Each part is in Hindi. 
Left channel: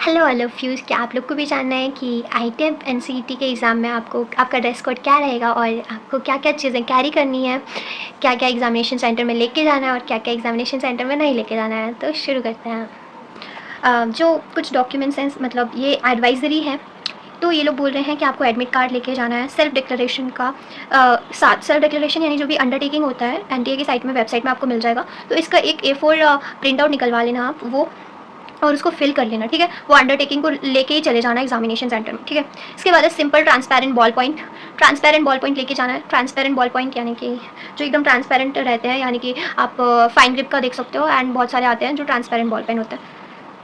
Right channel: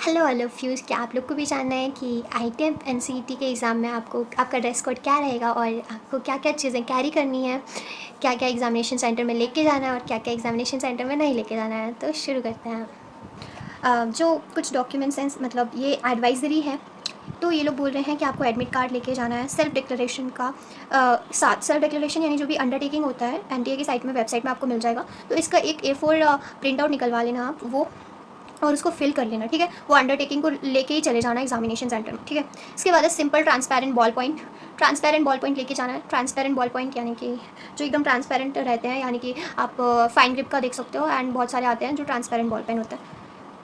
Hello I love you. क्या आप लोग को भी जानना है कि आईटीएम एनसीईटी के एग्ज़ाम में आपको आपका ड्रेस कोड क्या रहेगा और आपको क्या क्या चीज़ें कैरी करनी है, क्या क्या एग्जामिनेशन सेंटर में लेके जाना है और क्या क्या एग्जामिनेशन सेंटर में नहीं लेके जाना है। तो शुरू करते हैं। जो कुछ डॉक्यूमेंट्स हैं, मतलब ये एडवाइजरी है, तो ये लोग बोल रहे हैं कि आपको एडमिट कार्ड लेके जाना है सेल्फ डिक्लेरेशन का साथ। सेल्फ डिक्लेरेशन यानी जो भी अंडरटेकिंग होता है एनटीए की साइट में, वेबसाइट में आपको मिल जाएगा। तो इसका एक A4 प्रिंट आउट निकलवा लेना आप, वो और उसको फिल कर लेना, ठीक है। वो अंडरटेकिंग को लेके ही चले जाना एग्जामिनेशन सेंटर में, ठीक है। इसके बाद है simple transparent ball point. Transparent ball point लेके जाना है। ट्रांसपेरेंट बॉल पॉइंट यानी कि जो एकदम ट्रांसपेरेंट रहते हैं, यानी कि आप फाइन ग्रिप का देख सकते हो, एंड बहुत सारे आते हैं जो ट्रांसपेरेंट बॉल पेन होता है।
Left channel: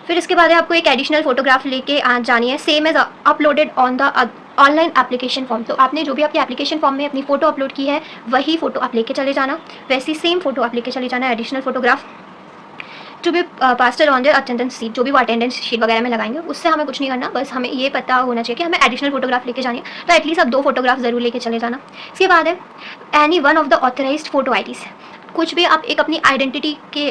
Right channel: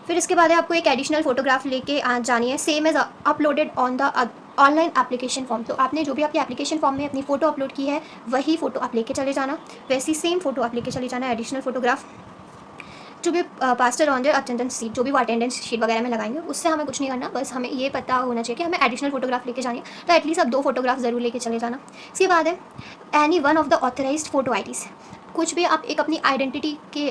फिर इसके बाद है आपको एक एडिशनल फोटोग्राफ लेके जानी है, same as uploaded on the online application form. तो आपने जो भी आपके एप्लीकेशन फॉर्म में अपनी फ़ोटो अपलोड की है वही फ़ोटो आप लेके चले जाना, वैसी सेम फ़ोटो आप लेके चले जाना, additional photograph to be pasted on their attendance sheet. जो भी वो अटेंडेंस शीट वगैरह में लगाएंगे उससे हमें कुछ नहीं करना, बस हमें ये पता होना चाहिए कि हमें एडिशनल फोटोग्राफ लेके जानी है। तो एटलीस्ट आप 2 फोटोग्राफ ज़रूर लेके चले जाना। इसके बाद है any one of the authorised photo IDs. कुछ भी आप एक अपनी आइडेंटिटी के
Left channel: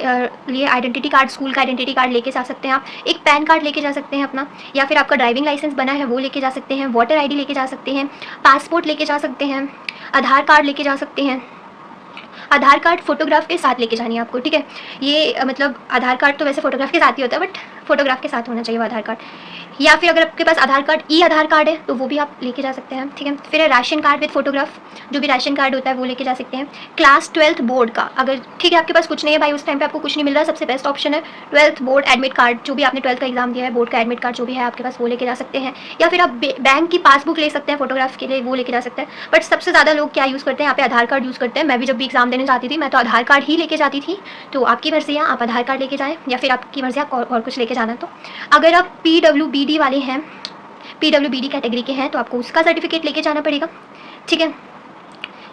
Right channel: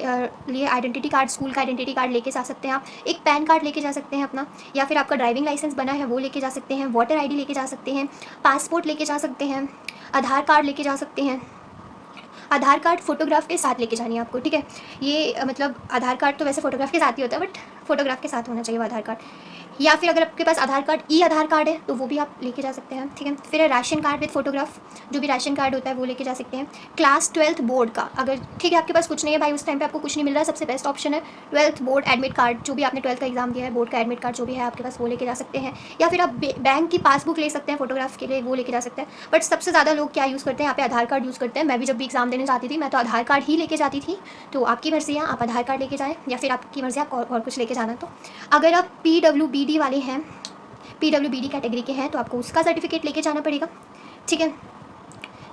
लिए आइडेंटिटी कार्ड, स्कूल का आइडेंटिटी कार्ड लेके जा सकते हैं आप, एक पैन कार्ड लेके जा सकते हैं अपना, या फिर आपका ड्राइविंग लाइसेंस बना है वो लेके जा सकते हैं, वोटर आईडी लेके जा सकते हैं, पासपोर्ट लेके जा सकते हैं, आधार कार्ड लेके जा सकते हैं। आधार कार्ड फोटोग्राफ के साथ लेके जानी है आपको, ठीक है। ये मतलब आधार कार्ड तो वैसे फोटोग्राफ के साथ ही होता है, बट फोटोग्राफ के साथ होना चाहिए वो आधार कार्ड। या फिर अगर आपके पास आधार कार्ड आधार कार्ड है तो वो भी आप लेके जा सकते हैं, ठीक है। फिर है राशन कार्ड विद फोटोग्राफ, जो भी राशन कार्ड होता है वो लेके जा सकते हैं। क्लास 12th बोर्ड का, अगर ठीक है आपके पास कुछ नहीं है भाई, उस टाइम पे आपको कुछ नहीं मिल रहा है, सबसे बेस्ट ऑप्शन है 12th बोर्ड एडमिट कार्ड। जो भी आपने 12th का एग्जाम दिया है, बोर्ड का एडमिट कार्ड जो भी है आपके पास वो लेके जा सकते हैं। या फिर आप बैंक की पासबुक ले सकते हैं फोटोग्राफ के लिए, वो लेके जा सकते हैं। बट सबसे ज़्यादा लोग क्या यूज़ करते हैं यहाँ पे, आधार कार्ड यूज़ करते हैं। मैं भी जब भी एग्जाम देने जाती थी मैं तो आधार कार्ड ही लेके जाती थी। तो आपकी मर्जी है, आप आधार कार्ड लेके जाएँ या फिर आपकी मर्जी आप और कुछ लेके जाना। तो अगर आप PWBD वाले हैं, PWBD कैटेगरी के हैं, तो आपको उसका सर्टिफिकेट लेके जाना पड़ेगा, ठीक है,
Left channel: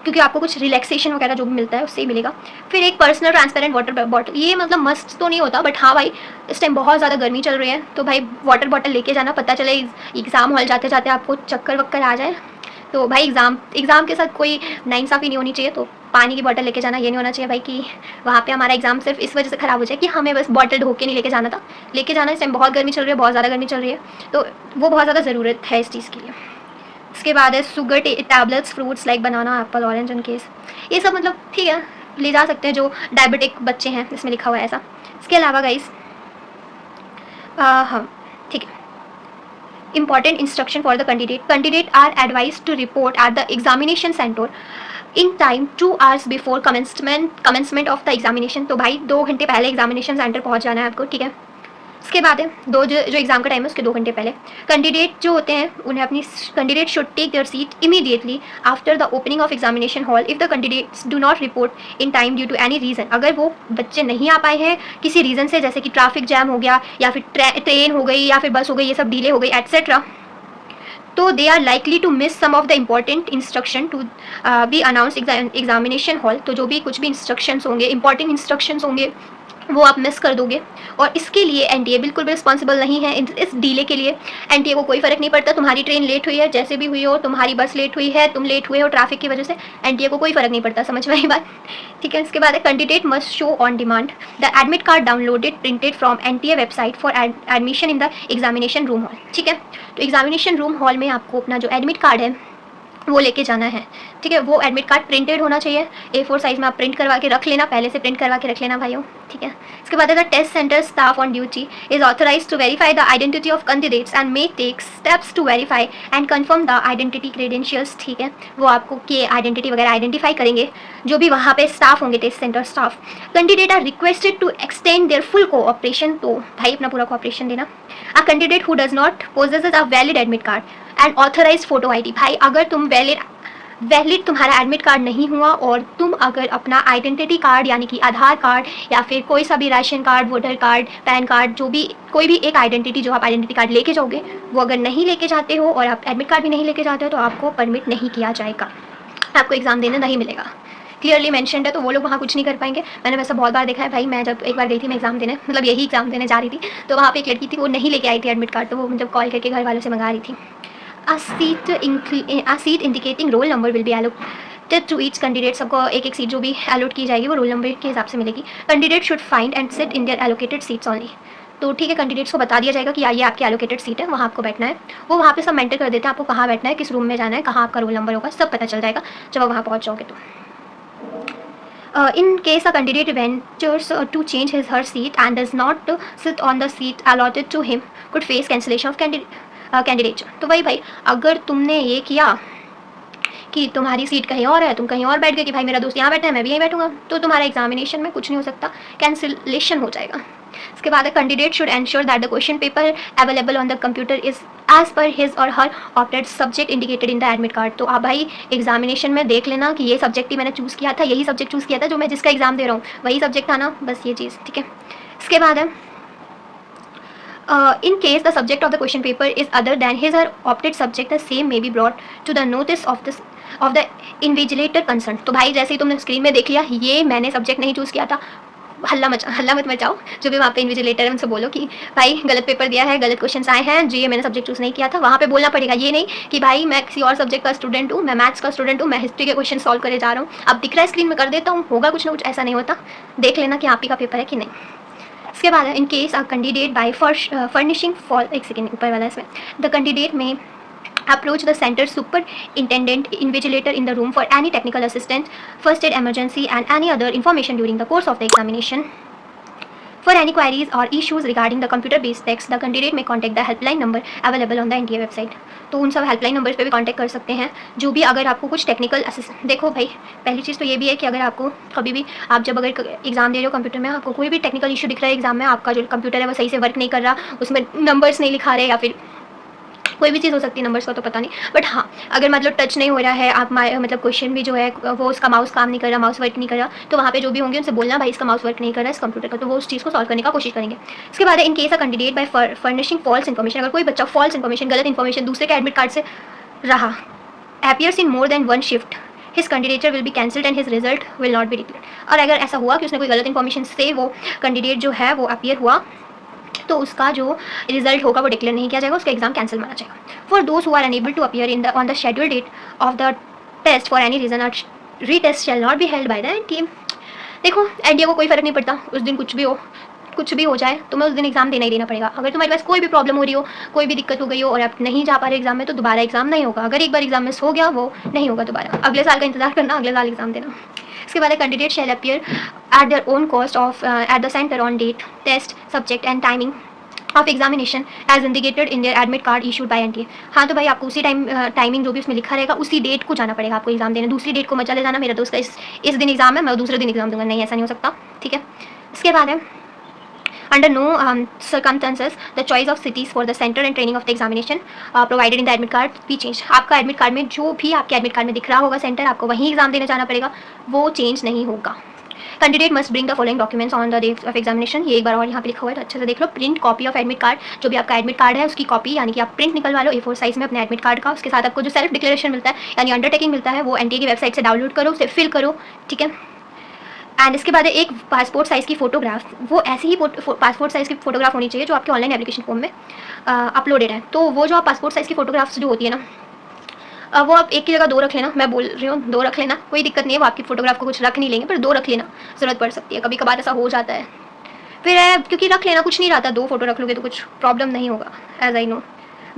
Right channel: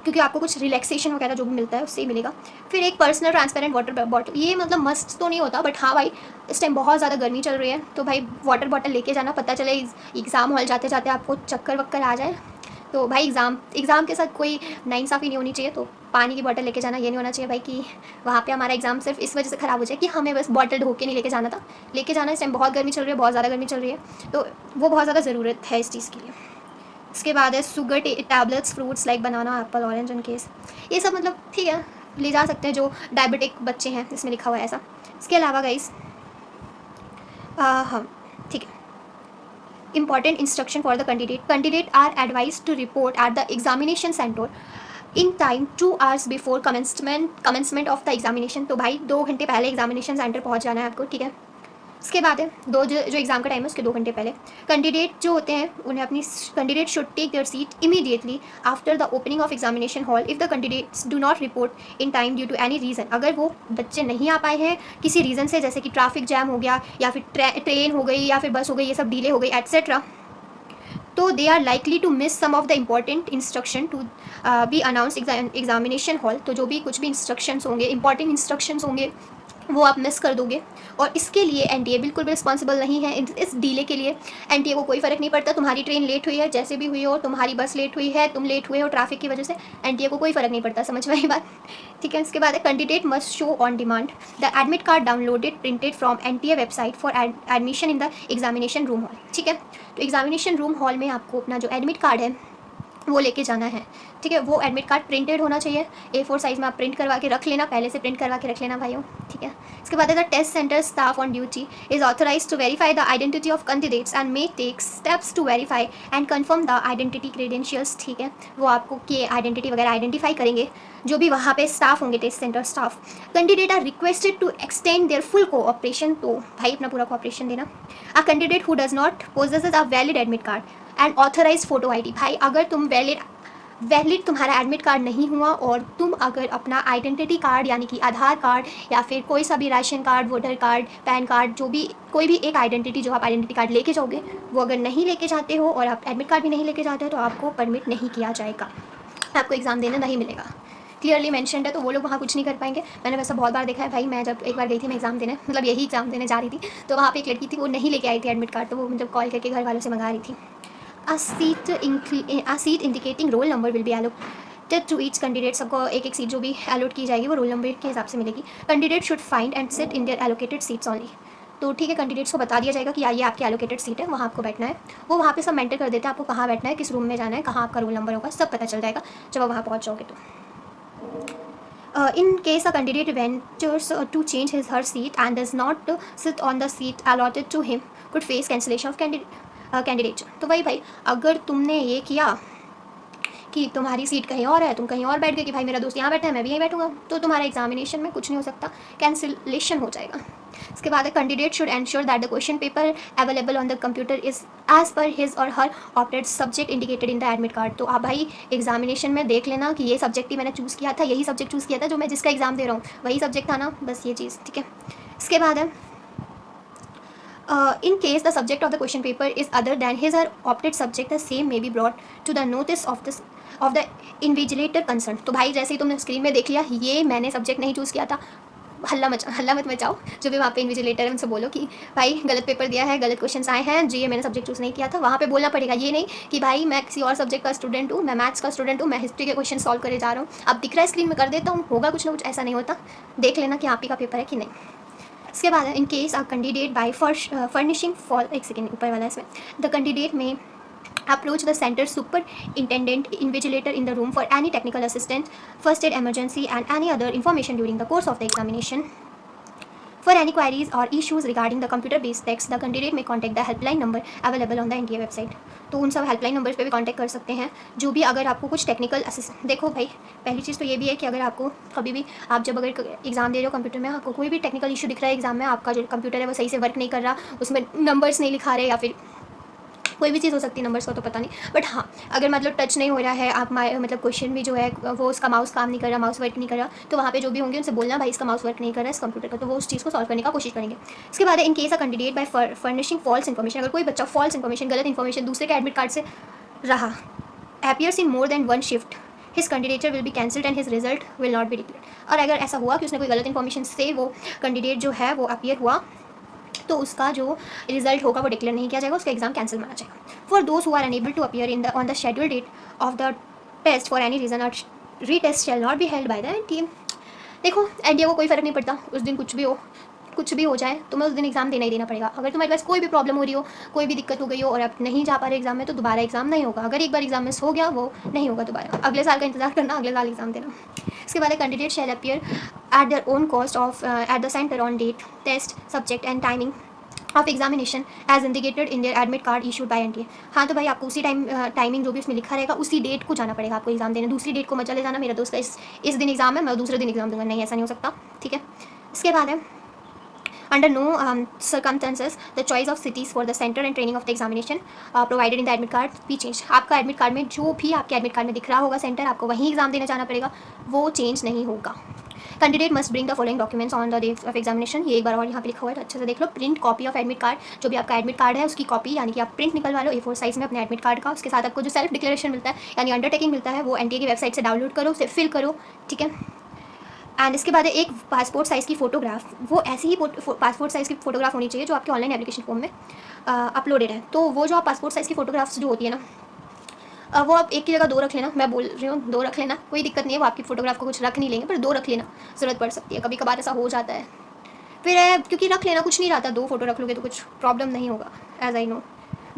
क्योंकि आपको कुछ रिलैक्सेशन वगैरह जो भी मिलता है उससे ही मिलेगा। फिर एक पर्सनल ट्रांसपेरेंट वाटर बॉटल, ये मतलब मस्ट तो नहीं होता, बट हाँ भाई इस टाइम बहुत ज़्यादा गर्मी चल रही है तो भाई वाटर बॉटल लेके जाना। पता चले एग्ज़ाम हॉल जाते जाते आपको चक्कर वक्कर आ जाए तो भाई एग्ज़ाम के साथ कोई नाइंसाफ़ी नहीं होनी चाहिए। तो पानी की बोतल लेके जाना, ये नहीं होना चाहिए भाई कि वहाँ पे हमारा एग्जाम सिर्फ इस वजह से ख़राब हो जाए कि हमें बस बॉटल ढो के नहीं लेके जाना था। लेके जाना, इस टाइम बहुत गर्मी चल रही है, बहुत ज़्यादा गर्मी चल रही है, तो वो बहुत ज़्यादा ज़रूरत है इस चीज़ के लिए। इसके बाद है sugar tablets, fruits like banana, Apple, orange in case, ये सब मतलब ठीक है ले जा सकते हैं जो डायबिटिक बच्चे हैं, इसमें लिखा हुआ है ऐसा। इसके अलावा गाइस हम ठीक है, important instruction for the candidate are advised to report at the examination center in time 2 hours before commencement of the examination। तो भाई 2 घंटे पहले एग्जामिनेशन सेंटर पहुंच जाना है आपको, ठीक है। इसके बाद है जो एग्जाम का टाइम है उसके 2 घंटे पहले कैंडिडेट जो होते हैं उन्हें अपनी candidate should take their seat immediately after the opening of examination hall if the candidates do not report in time due to any reason. अगर वो बच्चे नहीं आ पाए हैं किसी रीज़न से, जैसे कि ट्रैफिक जैम हो गया या फिर ट्रेन हो गई या फिर बस हो गई, ये सब डिले हो गई एट्सेट्रा, तो they are likely to miss some of the important instruction to be announce examination hall. तो जो भी कुछ भी इंस्ट्रक्शंस होंगे, इंपॉर्टेंट इंस्ट्रक्शंस होंगे, वो आप मिस कर दोगे। और इसके लिए एनटीए बिल्कुल भी रिस्पॉन्सिबल नहीं है। इस डीले के लिए एनटीए को कोई फ़र्क नहीं पड़ता। तुम्हारी ट्रेन लेट हुई है, जैसे भी हुई हो, तुम्हारी बस लेट हुई है, तुम लेट हुए हो ट्रैफिक की वजह से, एनटीए को कोई फ़र्क नहीं पड़ता। समझ में आई बात, ठीक है। इसके बाद है candidate must show on demand the admit card downloaded printed from NTA website for admission in the examination room hall, ठीक है। तो एग्जामिनेशन रूम हॉल में आपको अपना जो एडमिट कार्ड है वो लेके जाना है, ठीक है। वो एडमिट कार्ड प्रिंटेड होना चाहिए, A4 साइज़ में आप प्रिंट करवा के रख लेना, पहले से प्रिंट करवा के रख लेना भाइयों, ठीक है। इसके बाद the test centre staff on duty is authorise to verify the identity of candidates and may take steps to verify and confirm the identity credentials, ठीक है। वो आपको की आइडेंटिटी वगैरह आइडेंटिफाई करेंगे जो भी वहाँ पे स्टाफ होंगे, test centre staff. Candidate are requested to extend their full cooperation, तो भाई अपना पूरा कोऑपरेशन देना। A candidate who does not possesses a valid admit card and authorise photo ID, भाई अगर तुम वैलिड तुम्हारा एडमिट कार्ड नहीं हुआ और तुम अगर अपना आइडेंटिटी कार्ड यानी कि आधार कार्ड या फिर कोई सा भी ration card, voter card, pan card, जो भी कोई भी एक आइडेंटिटी जो आप आइडेंटिटी कार्ड लेके जाओगे वो अगर नहीं लेके जाते हो और आप एडमिट कार्ड भी नहीं लेके जाते हो तो आपको परमिट नहीं किया जाएगा, आपको एग्ज़ाम देने नहीं मिलेगा। क्लियरली मैंशनड है, तो वो लोग वहाँ कुछ नहीं कर पाएंगे। मैंने वैसा बहुत बार देखा है भाई। मैं जब एक बार गई थी, मैं एग्ज़ाम देने, मतलब यही एग्ज़ाम देने जा रही थी, तो वहाँ पे एक लड़की थी, वो नहीं लेके आई थी एडमिट कार्ड, तो वो मतलब कॉल करके घर वालों से मंगा रही थी। A seat indicating roll number will be allocated to each candidate। सबको एक एक सीट जो भी अलॉट की जाएगी वो रोल नंबर के हिसाब से मिलेगी। Candidate should find and sit in their allocated seats only. तो ठीक है, कैंडिडेट्स को बता दिया जाएगा कि ये आपकी एलोकेटेड सीट है, वहाँ आपको बैठना है। वो वहाँ पे सब मेंटर कर देते हैं आपको कहाँ बैठना है, किस रूम में जाना है, कहाँ आपका रोल नंबर होगा, सब पता चल जाएगा जब आप वहाँ पहुँच जाओगे तो। In case a candidate ventures to change his her seat and does not sit on the seat allotted to him, could face cancellation of candidature. तो वही भाई, अगर तुमने ये किया कि तुम्हारी सीट कहीं और है, तुम कहीं और बैठ गए कि भाई मेरा दोस्त यहाँ बैठा है मैं भी यहीं बैठूंगा, तो तुम्हारा एग्जामिनेशन में कुछ नहीं हो सकता, कैंसिलेशन हो जाएगा। इसके बाद candidate should ensure that the question paper available on the computer is as per his or her opted subject indicated in the admit card. तो आप भाई एग्जामिनेशन में देख लेना कि ये सब्जेक्ट ही मैंने चूज़ किया था, यही सब्जेक्ट चूज़ किया था जो मैं जिसका एग्जाम दे रहा हूँ, वही सब्जेक्ट था ना, बस ये चीज़, ठीक है। इसके बाद है in case the subject of the question paper is other than his or opted subject, the same may be brought to the notice of the invigilator concerned। तो भाई जैसे ही तुमने स्क्रीन में देख लिया ये मैंने सब्जेक्ट नहीं चूज़ किया था, हल्ला मत मचाओ, जो भी वहाँ पे इन्विजिलेटर है उनसे बोलो कि भाई गलत पेपर दिया है, गलत क्वेश्चन आए हैं जी, ये मैंने सब्जेक्ट चूज़ नहीं किया था। वहाँ पे बोलना पड़ेगा, ये नहीं कि भाई मैं किसी और सब्जेक्ट का स्टूडेंट हूँ, मैं मैथ्स का स्टूडेंट हूँ, मैं हिस्ट्री के क्वेश्चन सॉल्व करे जा रहा हूँ, अब दिख रहा है स्क्रीन में कर देता हूँ, होगा कुछ ना कुछ, ऐसा नहीं होता। देख लेना कि आप ही का पेपर है कि नहीं। इसके बाद है in case a candidate by furnishing for, एक सेकेंड ऊपर वाला इसमें, the candidate may approach the center superintendent invigilator in the room for any technical assistance, first aid emergency and any other information during the course of the examination. For any queries or issues regarding the computer based text, the candidate may contact the helpline number available on the NTA website। तो उन सब हेल्पलाइन नंबर्स पे भी कांटेक्ट कर सकते हैं जो भी, अगर आपको कुछ टेक्निकल असिस्टेंट। देखो भाई पहली चीज़ तो ये भी है कि अगर आपको कभी भी, आप जब अगर एग्जाम दे रहे हो कंप्यूटर में, आपको कोई भी टेक्निकल इशू दिख रहा है एग्जाम में, आपका जो कंप्यूटर है वो सही से वर्क नहीं कर रहा, उसमें नंबर्स नहीं लिखा रहे, या फिर कोई भी चीज़ हो सकती है, नंबर्स का तो पता नहीं, बट हाँ अगर मतलब टच नहीं हो रहा है, आप मतलब क्वेश्चन भी जो है वो उसका माउस काम नहीं कर रहा, माउस वर्क नहीं कर रहा, तो वहाँ पे जो भी होंगे उनसे बोलना भाई इसका माउस वर्क नहीं कर रहा है इस कंप्यूटर का, तो वो उस चीज़ को सॉल्व करने का कोशिश करेंगे। इसके बाद in case a candidate by furnishing false information, अगर कोई बच्चा फॉल्स इन्फॉर्मेशन, गलत इन्फॉर्मेशन दूसरे के एडमिट कार्ड से रहा, appears in more than one shift, his candidature will be cancelled and his result will not be declared। और अगर ऐसा हुआ कि उसने कोई गलत इन्फॉर्मेशन से वो कैंडिडेट जो है वो अपीयर हुआ, तो उसका जो रिजल्ट होगा वो डिक्लेयर नहीं किया जाएगा, उसका एग्जाम कैंसिल माना जाएगा। For those who are unable to appear in the on the schedule date of the test for any reason, retest shall not be held by the NTA. देखो एनटीए को कोई फर्क नहीं पड़ता, उस दिन कुछ भी हो जाए, तुम्हें उस दिन एग्जाम देना ही देना पड़ेगा। अगर तुम्हारे पास कोई भी प्रॉब्लम हो रही हो, कोई भी दिक्कत हो गई हो और आप नहीं जा पा रहे एग्जाम में, तो दोबारा एग्जाम नहीं होगा। अगर एक बार एग्जाम मिस हो गया वो नहीं होगा दोबारा, अगले साल का इंतजार करना, अगले साल एग्जाम देना। इसके बाद candidate shall appear at their own cost of at the centre on date, test, subject and timing of examination as indicated in their admit card issued by NTA. हाँ तो भाई आपको उसी टाइमिंग जो भी उसमें लिखा रहेगा उसी डेट को जाना पड़ेगा आपको एग्जाम देने, दूसरी डेट को मत चले जाना मेरा दोस्त का इस दिन एग्जाम है मैं दूसरे दिन एग्जाम दूंगा, नहीं ऐसा नहीं हो सकता, ठीक है। इसके बाद है under no circumstances the choice of cities for the center and training of the examination provided in the admit card be changed। आपका एडमिट कार्ड में जो भी आपके एडमिट कार्ड में दिख रहा होगा सेंटर, आपको वहीं एग्जाम देने जाना पड़ेगा, वो चेंज नहीं होगा। Candidate must bring the following documents on the day of examination, ये एक बार और यहाँ पे लिखा हुआ है तो अच्छे से देख लो। Print copy of admit card, जो भी आपका एडमिट कार्ड है उसकी कॉपी, यानी कि आप प्रिंट निकलवा लो A4 साइज में अपने एडमिट कार्ड का। उसके साथ आपको जो सेल्फ डिक्लेरेशन मिलता है यानी अंडरटेकिंग मिलता है वो एनटीए की वेबसाइट से डाउनलोड करो, उसे फिल करो, ठीक है। एंड इसके बाद एक पासपोर्ट साइज़ की फ़ोटोग्राफ, वो ऐसी ही पासपोर्ट साइज़ की फ़ोटोग्राफ होनी चाहिए जो आपके ऑनलाइन एप्लीकेशन फॉर्म में अपलोडेड है। तो वो जो आप पासपोर्ट साइज़ की फ़ोटोग्राफ्स जो होती है ना, वो आप एक की जगह 2 रख लेना, मैं बोल रही हूँ 2 रख लेना, कोई दिक्कत नहीं है, वो आपकी फ़ोटोग्राफ को कुछ रख नहीं लेंगे पर 2 रख लेना, ज़रूरत पड़ सकती है, कभी कभार ऐसा हो जाता है। फिर क्योंकि रख लेना कुछ नहीं रहता, 2 फोटो रख लोगे तो कुछ प्रॉब्लम नहीं होगा, एज आई नो,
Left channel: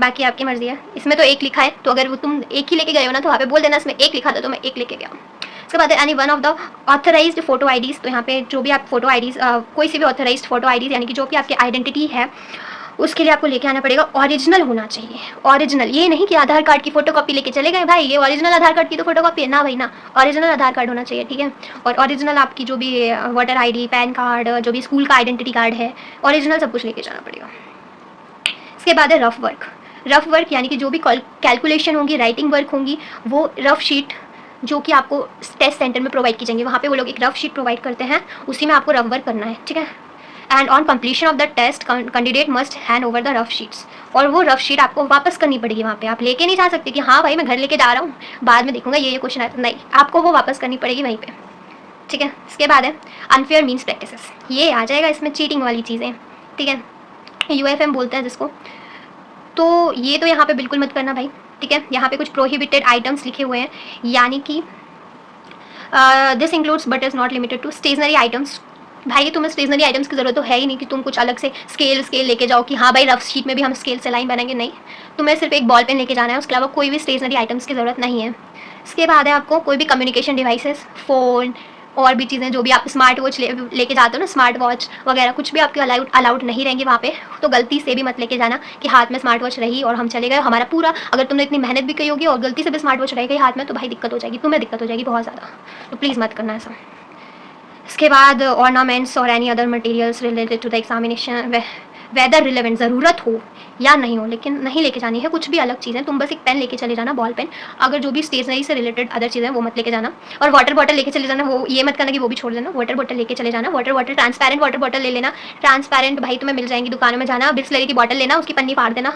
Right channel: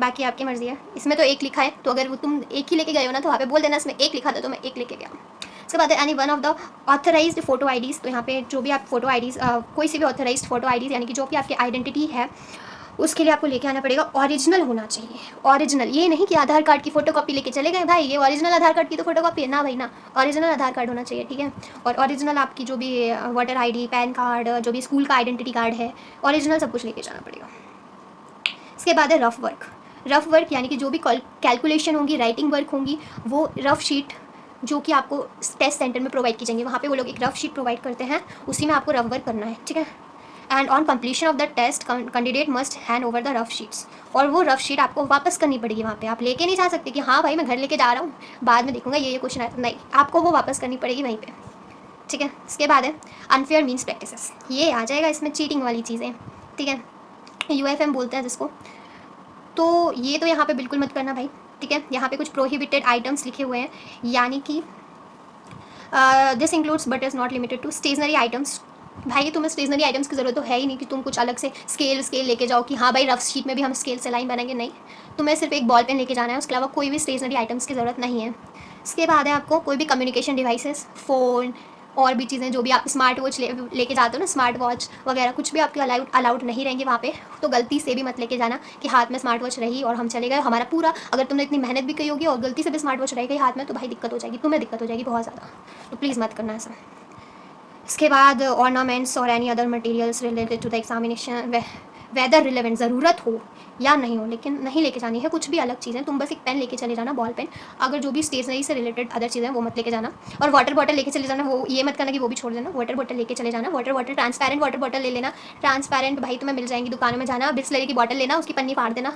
बाकी आपकी मर्जी है। इसमें तो 1 लिखा है, तो अगर वो तुम 1 ही लेके गए हो ना तो वहाँ पे बोल देना इसमें 1 लिखा था तो मैं 1 लेके गया। इसके बाद any one of the authorised photo IDs, तो यहाँ पे जो भी आप फोटो आईडीज़, कोई सी भी ऑथराइज्ड फोटो आईडीज़ यानी कि जो भी आपकी आइडेंटिटी है उसके लिए आपको लेके आना पड़ेगा, ओरिजिनल होना चाहिए। ओरिजिनल, ये नहीं कि आधार कार्ड की फ़ोटोकॉपी लेके चले गए भाई ये ओरिजिनल आधार कार्ड की तो फोटोकॉपी है ना भाई ना, ओरिजिनल आधार कार्ड होना चाहिए, ठीक है। और ओरिजिनल आपकी जो भी वोटर आईडी, पैन कार्ड, जो भी स्कूल का आइडेंटिटी कार्ड है, ओरिजिनल सब कुछ लेके जाना पड़ेगा। इसके बाद है रफ वर्क। रफ वर्क यानी कि जो भी कैलकुलेशन होगी, राइटिंग वर्क होंगी, वो रफ शीट जो कि आपको टेस्ट सेंटर में प्रोवाइड की जाएंगी, वहाँ पे वो लोग एक रफ शीट प्रोवाइड करते हैं, उसी में आपको रफ वर्क करना है, ठीक है। And on completion of the test candidate must hand over the rough sheets, और वो रफ शीट आपको वापस करनी पड़ेगी वहाँ पे, आप लेके नहीं जा सकते कि हाँ भाई मैं घर लेके जा रहा हूँ बाद में देखूंगा ये क्वेश्चन आया, नहीं, आपको वो वापस करनी पड़ेगी वहीं पे, ठीक है। इसके बाद है अनफेयर मीन्स प्रैक्टिसेस, ये आ जाएगा इसमें चीटिंग वाली चीज़ें, ठीक है, UFM बोलते हैं जिसको, तो ये तो यहाँ पे बिल्कुल मत करना भाई, ठीक है। यहाँ पे कुछ प्रोहिबिटेड आइटम्स लिखे हुए हैं, यानी कि this includes but is not limited to stationery items, भाई तुम्हें स्टेशनरी आइटम्स की ज़रूरत तो है ही नहीं कि तुम कुछ अलग से स्केल लेके जाओ कि हाँ भाई रफ शीट में भी हम स्केल से लाइन बनाएंगे, नहीं। तुम्हें सिर्फ एक बॉल पेन लेके जाना है, उसके अलावा कोई भी स्टेशनरी आइटम्स की ज़रूरत नहीं है। इसके बाद है आपको कोई भी कम्युनिकेशन डिवाइसेस, फ़ोन और भी चीज़ें जो भी आप स्मार्ट वॉच लेके जाते हो ना, स्मार्ट वॉच वगैरह कुछ भी आपके अलाउड नहीं रहेंगी वहाँ पे। तो गलती से भी मत लेके जाना कि हाथ में स्मार्ट वॉच रही और हम चले गए, हमारा पूरा, अगर तुमने इतनी मेहनत भी की होगी और गलती से भी स्मार्ट वॉच रह गई हाथ में, तो भाई दिक्कत हो जाएगी, तुम्हें दिक्कत हो जाएगी बहुत ज़्यादा। तो प्लीज़ मत करना ऐसा। इसके बाद ऑर्नामेंट्स और any other materials related to the examination, whether relevant, ज़रूरत हो या नहीं हो, लेकिन नहीं लेके जानी है कुछ भी अलग चीज़ें। तुम बस एक पेन लेके चले जाना, बॉल पेन। अगर जो भी स्टेशनरी से रिलेटेड अदर चीज़ें वो मत लेके जाना। और वाटर बॉटल लेके चले जाना, वो ये मत करना कि वो भी छोड़ देना। वाटर बॉटल लेके चले जाना, वाटर ट्रांसपेरेंट वाटर बॉटल ले लेना। ट्रांसपेरेंट भाई तुम्हें मिल जाएंगी दुकानों में, जाना बिस्लरी की बॉटल लेना, उसकी पन्नी फाड़ देना,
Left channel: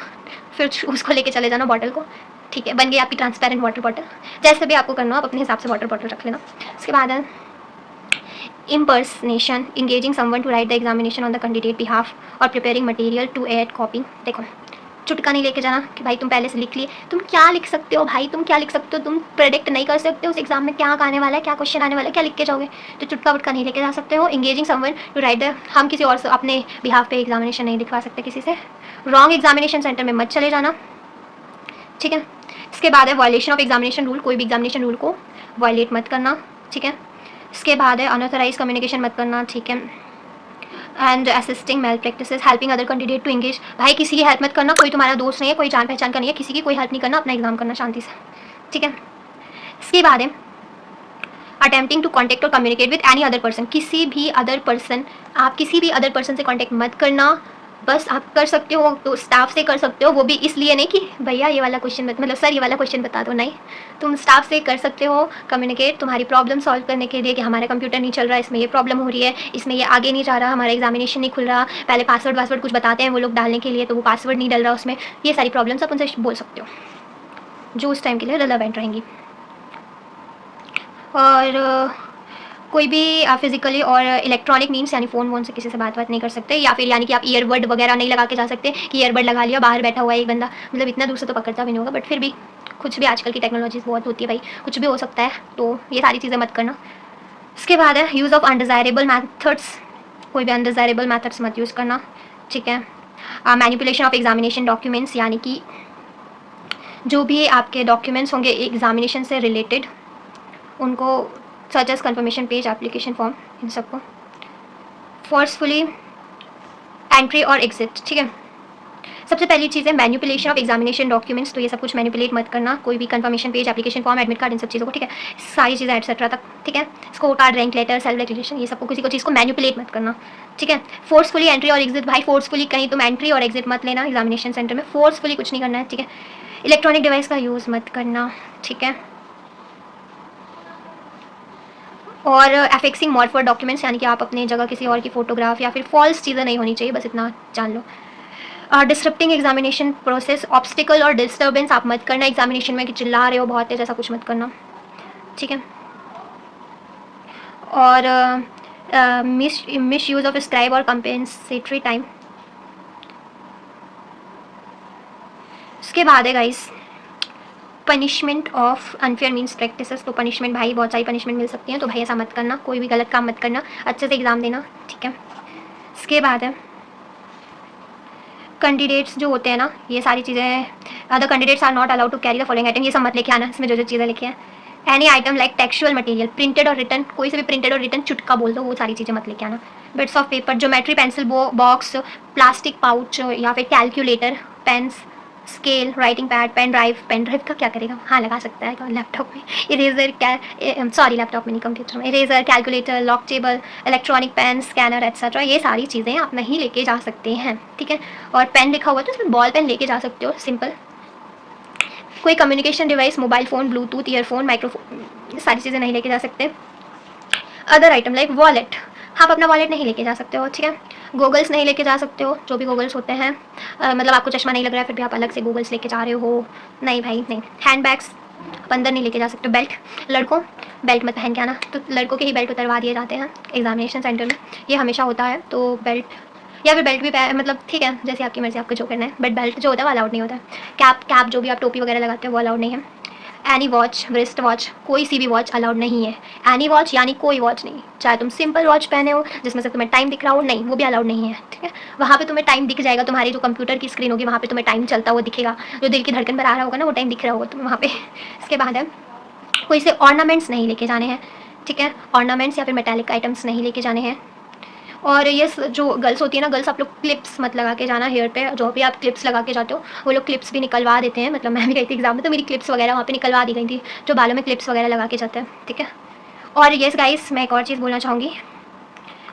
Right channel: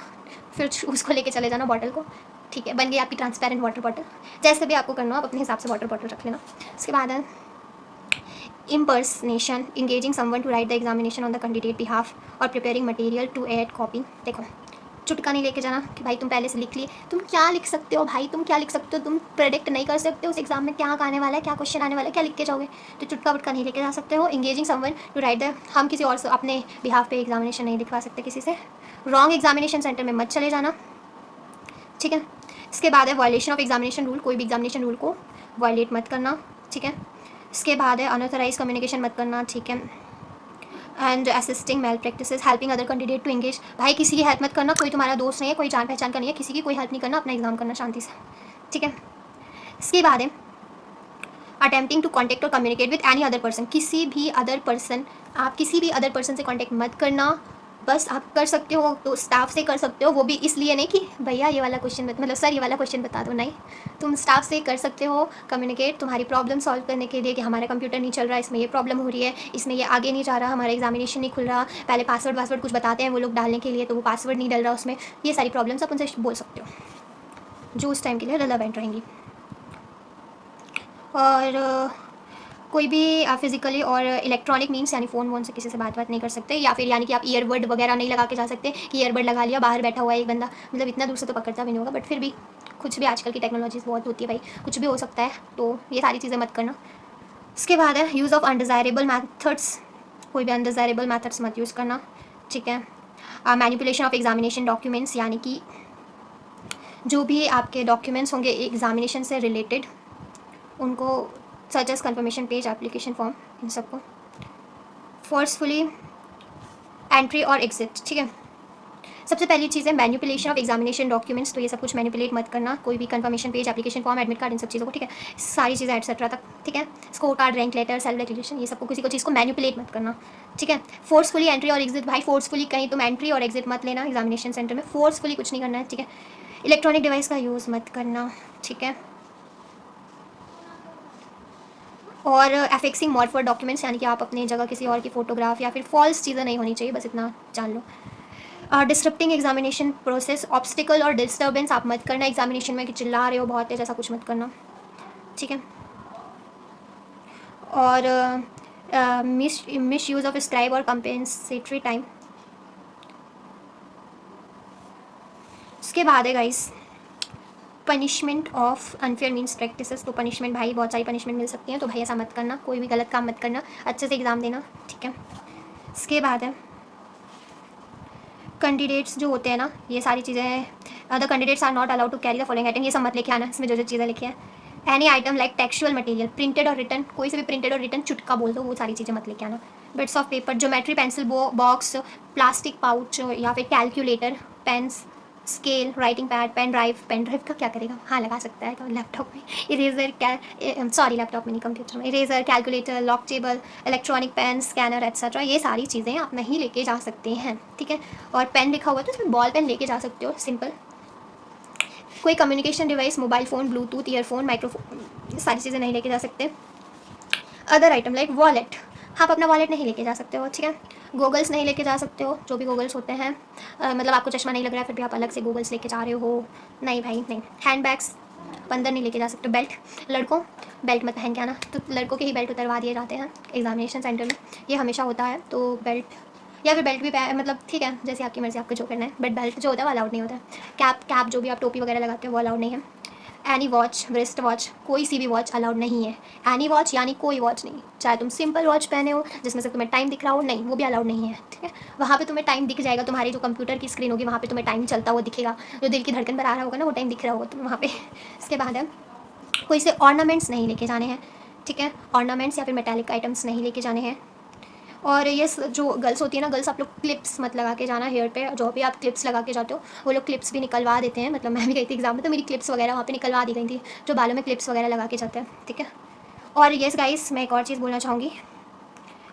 फिर उसको लेके चले जाना बॉटल को, ठीक है, बन गई आपकी ट्रांसपेरेंट वाटर बॉटल। जैसे भी आपको करना हो आप अपने हिसाब से वाटर बॉटल रख लेना। उसके बाद है impersonation, engaging someone to write the examination on the candidate behalf और preparing material to aid copy। देखो चुटका नहीं लेके जाना कि भाई तुम पहले से लिख लिए। तुम क्या लिख सकते हो भाई, तुम क्या लिख सकते हो, तुम प्रेडिक्ट नहीं कर सकते उस एग्जाम में क्या आने वाला है, क्या क्वेश्चन आने वाला है, क्या लिख के जाओगे। तो चुटका वुटका नहीं लेके जा सकते हो। Engaging someone to write the, हम किसी और से अपने बिहाफ पे एग्जामिनेशन नहीं लिखवा सकते किसी से। रॉन्ग एग्जामिनेशन सेंटर में मत चले जाना, ठीक है। इसके बाद है वायलेशन ऑफ एग्जामिनेशन रूल, कोई भी एग्जामिनेशन रूल को वायलेट मत करना, ठीक है। इसके बाद है अनऑथराइज कम्युनिकेशन मत करना, ठीक है। And assisting malpractices, helping other candidate to engage, भाई किसी की हेल्प मत करना, कोई तुम्हारा दोस्त नहीं है, कोई जान पहचान का नहीं है, किसी की कोई हेल्प नहीं करना, अपना एग्जाम करना शांति से, ठीक है। इसके बाद है अटेम्प्टिंग टू कॉन्टेक्ट और communicate with any other person, किसी भी अदर पर्सन, आप किसी भी अदर पर्सन से कॉन्टेक्ट मत करना। बस आप कर सकते हो तो स्टाफ से कर सकते हो, वो भी इसलिए नहीं कि भैया ये वाला क्वेश्चन मतलब सर ये वाला क्वेश्चन बता दो, नहीं। तुम स्टाफ से कर सकते हो कम्युनिकेट तुम्हारी प्रॉब्लम सॉल्व करने के लिए कि हमारा कंप्यूटर नहीं चल रहा, इसमें ये प्रॉब्लम हो रही है, इसमें ये आगे नहीं जा रहा, हमारा एग्जामिनेशन नहीं खुल रहा, पहले पासवर्ड कुछ बताते हैं वो लोग डालने के लिए, तो वो पासवर्ड नहीं डल रहा उसमें। ये सारी प्रॉब्लम्स आप उनसे बोल सकते हो जो उस टाइम के लिए रिलेवेंट रहेंगी। और कोई भी फिजिकली और इलेक्ट्रॉनिक मीन्स यानी फ़ोन वोन से किसी से बात नहीं कर सकते, या फिर यानी कि आप ईयरबड वगैरह नहीं लगा के जा सकते कि ईयरबड लगा लिया बाहर बैठा हुआ है एक बंदा, मतलब इतना दूर से तो पकड़ता भी नहीं होगा, बट फिर भी कुछ भी आजकल की टेक्नोलॉजीज बहुत होती है भाई, कुछ भी हो सकता है, तो ये सारी चीज़ें मत करना। इसके बाद है यूज़ ऑफ अनडिज़ायरेबल मैथड्स, कोई भी अनडिज़ायरेबल मैथड्स मत यूज़ करना, ठीक है। मैनिपुलेशन ऑफ एग्जामिनेशन डॉक्यूमेंट्स, यानी कि जो भी आपके डॉक्यूमेंट्स होंगे एग्जामिनेशन से रिलेटेड उनको such as confirmation page, application form, इन सबको। फोर्सफुली एंट्री और एग्जिट, ठीक है। सबसे पहली चीज़ है मैनिपुलेशन ऑफ एग्जामिनेशन डॉक्यूमेंट्स, तो ये सब कुछ मैनिपुलेट मत करना, कोई भी confirmation page, application form, admit card, इन सब चीज़ों को, ठीक है, सारी चीज़ें एटसेट्रा तक, ठीक है। Score card, rank letter, self declaration, ये सबको किसी को चीज़ को मैनिपुलेट मत करना, ठीक है। फोर्सफुली एंट्री और एग्जिट, भाई फोर्सफुली कहीं तुम एंट्री और एग्जिट मत लेना एग्जामिनेशन सेंटर में, फोर्सफुली कुछ नहीं करना है, ठीक है। इलेक्ट्रॉनिक डिवाइस का यूज़ मत करना, ठीक है। और एफिक्सिंग मॉर्फर डॉक्यूमेंट्स, यानी कि आप अपनी जगह किसी और की फोटोग्राफ या फिर फॉल्स चीज़ें नहीं होनी चाहिए, बस इतना जान लो। डिस्टर्बिंग एग्जामिनेशन प्रोसेस, ऑब्स्टिकल और डिस्टर्बेंस आप मत करना एग्जामिनेशन में कि चिल्ला रहे हो बहुत तेज, ऐसा कुछ मत करना, ठीक है। और मिस यूज़ ऑफ स्क्राइब और कंपेंसेटरी टाइम। उसके बाद है guys punishment of unfair means practices, तो पनिशमेंट भाई बहुत सारी पनिशमेंट मिल सकती हैं, तो भाई ऐसा मत करना, कोई भी गलत काम मत करना, अच्छे से एग्ज़ाम देना, ठीक है। इसके बाद है कैंडिडेट्स जो होते हैं ना, ये सारी चीज़ें, the candidates are not allowed to carry the following item, ये सब मत लेके आना, इसमें जो चीज़ें लिखी हैं। Any item like textual material, printed और रिटन, कोई से भी प्रिंटेड और रिटन चुटका बोल दो, वो सारी चीज़ें मत लेके आना। Bits of paper, geometry pencil box, plastic pouch या फिर calculator, pens, scale, writing pad, pen drive का क्या करेगा, हाँ लगा सकता है लैपटॉप में, इरेजर, सॉरी लैपटॉप में नहीं कंप्यूटर में, eraser, calculator, log table, electronic pen, scanner etcetera, ये सारी चीज़ें आप नहीं लेके जा सकते हैं, ठीक है। और पेन लिखा हुआ तो उसमें बॉल पेन लेके जा सकते हो, सिंपल। कोई communication device, mobile phone, Bluetooth, earphone, microphone, ये सारी चीज़ें नहीं लेके जा सकते। अदर आइटम लाइक वॉलेट, आप अपना वॉलेट नहीं लेके जा सकते हो, ठीक है। गूगल्स नहीं लेके जा सकते हो, जो भी गूगल्स होते हैं, मतलब आपको चश्मा नहीं लग रहा है फिर भी आप अलग से गूगल्स लेके जा रहे हो, नहीं भाई नहीं। हैंड बैग्स आप अंदर नहीं लेके जा सकते। बेल्ट, लड़कों बेल्ट मत पहन के आना, तो लड़कों के ही बेल्ट उतरवा दिए जाते हैं एग्जामिनेशन सेंटर में, ये हमेशा होता है, तो बेल्ट या फिर बेल्ट भी मतलब ठीक है, जैसे आपकी मर्ज़ी, आपको जो करना है, बट बेल्ट जो होता है वो अलाउड नहीं होता है। कैप जो भी आप टोपी वगैरह लगाते हो वो अलाउड नहीं है। एनी वॉच, रिस्ट वॉच, कोई सी भी वॉच अलाउड नहीं है। एनी वॉच यानी कोई वॉच नहीं, चाहे तुम सिंपल वॉच पहने हो जिसमें से तुम्हें टाइम दिख रहा हो, नहीं, वो भी अलाउड नहीं है, ठीक है। वहाँ पे तुम्हें टाइम दिख जाएगा, तुम्हारी जो कंप्यूटर की स्क्रीन होगी वहाँ पे तुम्हें टाइम चलता हुआ दिखेगा, जो दिल की धड़कन पर आ रहा होगा ना वो टाइम दिख रहा होगा तुम्हें वहाँ पे। इसके बाद है कोई से ऑर्नामेंट्स नहीं लेके जाने हैं, ठीक है। ऑर्नामेंट्स या फिर मेटालिक आइटम्स नहीं लेके जाने हैं। और ये जो गर्ल्स होती है ना, गर्ल्स आप लोग क्लिप्स मत लगा के जाना हेयर पे। जो भी आप क्लिप्स लगा के जाते हो वो लोग क्लिप्स भी निकलवा देते हैं, मतलब मैं भी गई थी एग्जाम में तो मेरी क्लिप्स वगैरह वहाँ पे निकलवा दी गई थी, जो बालों में क्लिप्स वगैरह लगा के जाते हैं, ठीक है। और येस गाइस, मैं एक और चीज़ बोलना चाहूँगी,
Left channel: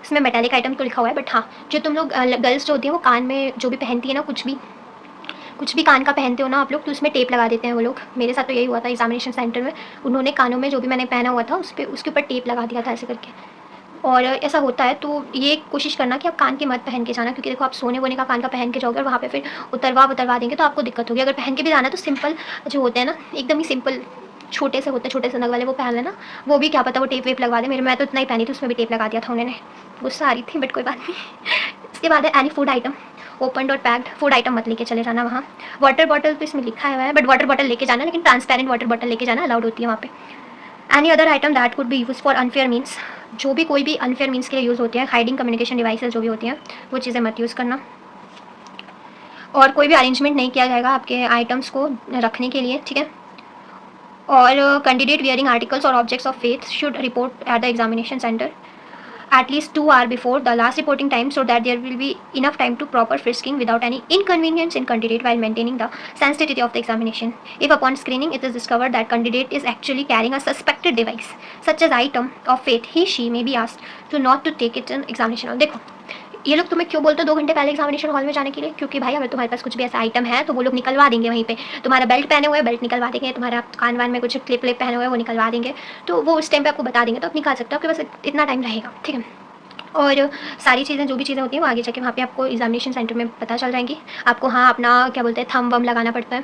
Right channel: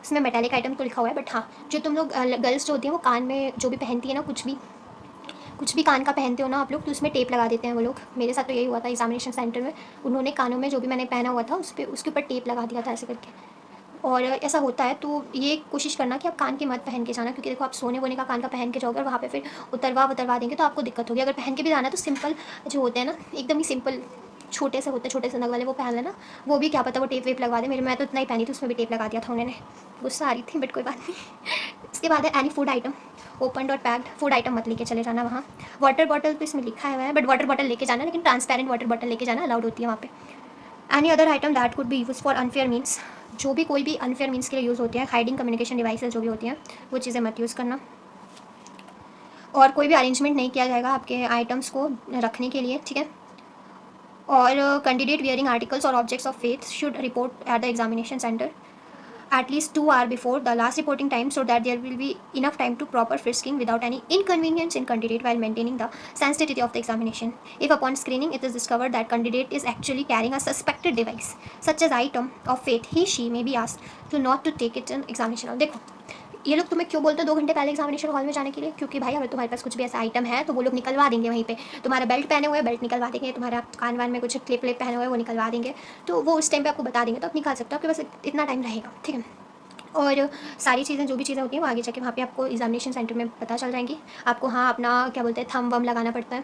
इसमें मेटालिक आइटम तो लिखा हुआ है, बट हाँ, जो तुम लोग गर्ल्स जो होती हैं वो कान में जो भी पहनती है ना, कुछ भी कान का पहनते हो ना आप लोग, तो उसमें टेप लगा देते हैं वो लोग। मेरे साथ तो यही हुआ था एग्जामिनेशन सेंटर में, उन्होंने कानों में जो भी मैंने पहना हुआ था उस पर उसके ऊपर टेप लगा दिया था ऐसे करके। और ऐसा होता है तो ये कोशिश करना कि आप कान के मत पहन के जाना, क्योंकि देखो आप सोने वोने का कान का पहन के जाओगे और वहाँ पे फिर उतरवा देंगे तो आपको दिक्कत होगी। अगर पहन के भी जाना तो सिंपल जो होते हैं ना, एकदम ही सिंपल छोटे से होते हैं, छोटे से नग वाले, वो पहन लेना। वो भी क्या पता वो टेप वेप लगवा दे, मैं तो इतना ही पहनी थी, उसमें भी टेप लगा दिया था उन्होंने, गुस्सा आ रही थी बट कोई बात नहीं। इसके बाद है एनी फूड आइटम, ओपन और पैक्ड फूड आइटम मत लेके चले जाना वहाँ। वाटर बॉटल तो इसमें लिखा हुआ है, बट वाटर बॉटल लेके जाना, लेकिन ट्रांसपेरेंट वाटर बॉटल लेके जाना अलाउड होती है वहाँ पे। Any other item that could be use for unfair means, जो भी कोई भी अनफेयर मीन्स के लिए यूज़ होती है, हाइडिंग कम्युनिकेशन डिवाइसेज जो भी होती हैं वो चीज़ें मत यूज़ करना। और कोई भी अरेंजमेंट नहीं किया जाएगा आपके आइटम्स को रखने के लिए, ठीक है। और कैंडिडेट वियरिंग आर्टिकल्स और objects of faith should report at the examination centre at least 2 hours before the last reporting time, so that there will be enough time to proper frisking without any inconvenience in candidate while maintaining the sensitivity of the examination. If upon screening it is discovered that candidate is actually carrying a suspected device such as item of faith, she may be asked to not to take it in examination hall. देखो ये लोग तुम्हें क्यों बोलते हैं 2 घंटे पहले एग्जामिनेशन हॉल में जाने के लिए, क्योंकि भाई अगर तुम्हारे पास कुछ भी ऐसा आइटम है तो वो लोग निकलवा देंगे वहीं पे। तुम्हारा बेल्ट पहने हुए बेल्ट निकलवा देंगे, तुम्हारा कान वान में कुछ क्लिप व्लिप पहने हुए वो निकलवा देंगे, तो वो उस टाइम पे आपको बता देंगे, तो आप निकाल सकते हो, आपके पास इतना टाइम रहेगा, ठीक है। और सारी चीज़ें जो भी चीज़ें होती हैं वो आगे जाके वहाँ पे आपको एग्जामिनेशन सेंटर में पता चल जाएंगी। आपको हाँ अपना क्या बोलते हैं थंब वम लगाना पड़ता है,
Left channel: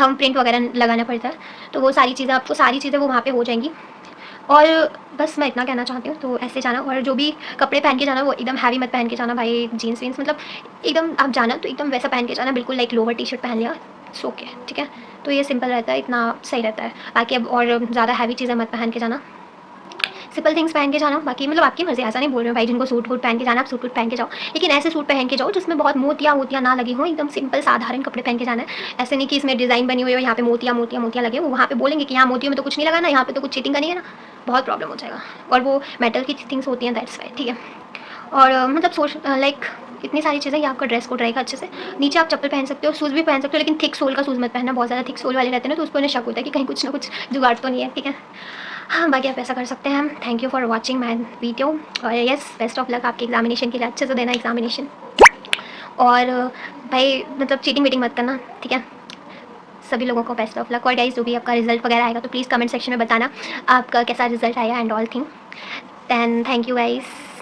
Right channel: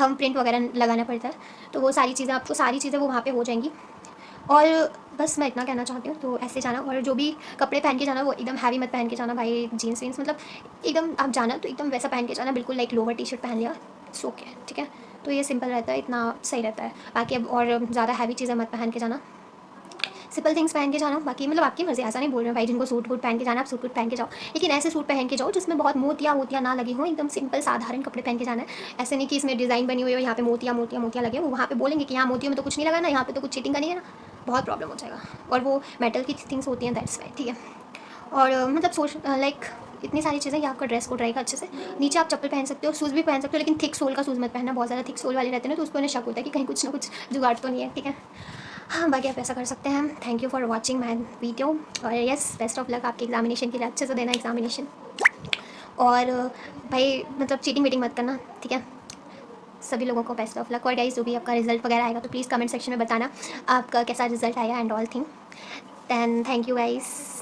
थंब प्रिंट वगैरह लगाना पड़ता है, तो वो सारी चीज़ें आपको सारी चीज़ें वो वहाँ पे हो जाएंगी। और बस मैं इतना कहना चाहती हूँ, तो ऐसे जाना। और जो भी कपड़े पहन के जाना वो एकदम हैवी मत पहन के जाना भाई, जीन्स वीन्स, मतलब एकदम आप जाना तो एकदम वैसा पहन के जाना, बिल्कुल लाइक लोअर टी शर्ट पहन लिया, सो के, ठीक है। तो ये सिंपल रहता है, इतना सही रहता है। बाकी अब और ज़्यादा हैवी चीज़ें मत पहन के जाना, सिंपल थिंग्स पहन के जाना। बाकी मतलब आपकी मर्जी, ऐसा नहीं बोल रहे हो भाई जिनको सूट वूट पहन के जाना आप सूट वूट पहन के जाओ, लेकिन ऐसे सूट पहन के जाओ जिसमें बहुत मोतियाँ मोतियाँ ना लगी हो, एकदम सिंपल साधारण कपड़े पहन के जाना है। ऐसे नहीं कि इसमें डिज़ाइन बनी हुई हो, यहाँ पे मोतियाँ मोतियाँ मोतियाँ लगे, वो वहाँ पे बोलेंगे कि यहाँ मोतियों में तो कुछ नहीं लगाना, यहाँ पे तो कुछ चीटिंग करनी है ना, बहुत प्रॉब्लम हो जाएगा। और वो मेटल की थिंग्स होती हैं, दैट्स वाई, ठीक है। और मतलब सोच लाइक इतनी सारी चीज़ें, ये आपका ड्रेस कोड रहेगा अच्छे से। नीचे आप चप्पल पहन सकते हो, शूज़ भी पहन सकते हो, लेकिन थिक सोल का शूज़ मत पहनना, बहुत ज़्यादा थिक सोल वाले रहते हैं ना तो उस पर उन्हें शक होता है कि कहीं कुछ ना कुछ जुगाड़ तो नहीं है, ठीक है। हाँ बाकी आप ऐसा कर सकते हैं। Thank you for watching my video, और यस बेस्ट ऑफ लक आपके एग्जामिनेशन के लिए, अच्छे से देना एग्जामिनेशन। और भाई मतलब चीटिंग वीटिंग मत करना, ठीक है। सभी लोगों को बेस्ट ऑफ लक। और गाइस जो भी आपका रिजल्ट वगैरह आएगा तो प्लीज़ कमेंट सेक्शन में बताना आपका कैसा रिजल्ट आया and all thing. Then thank you guys.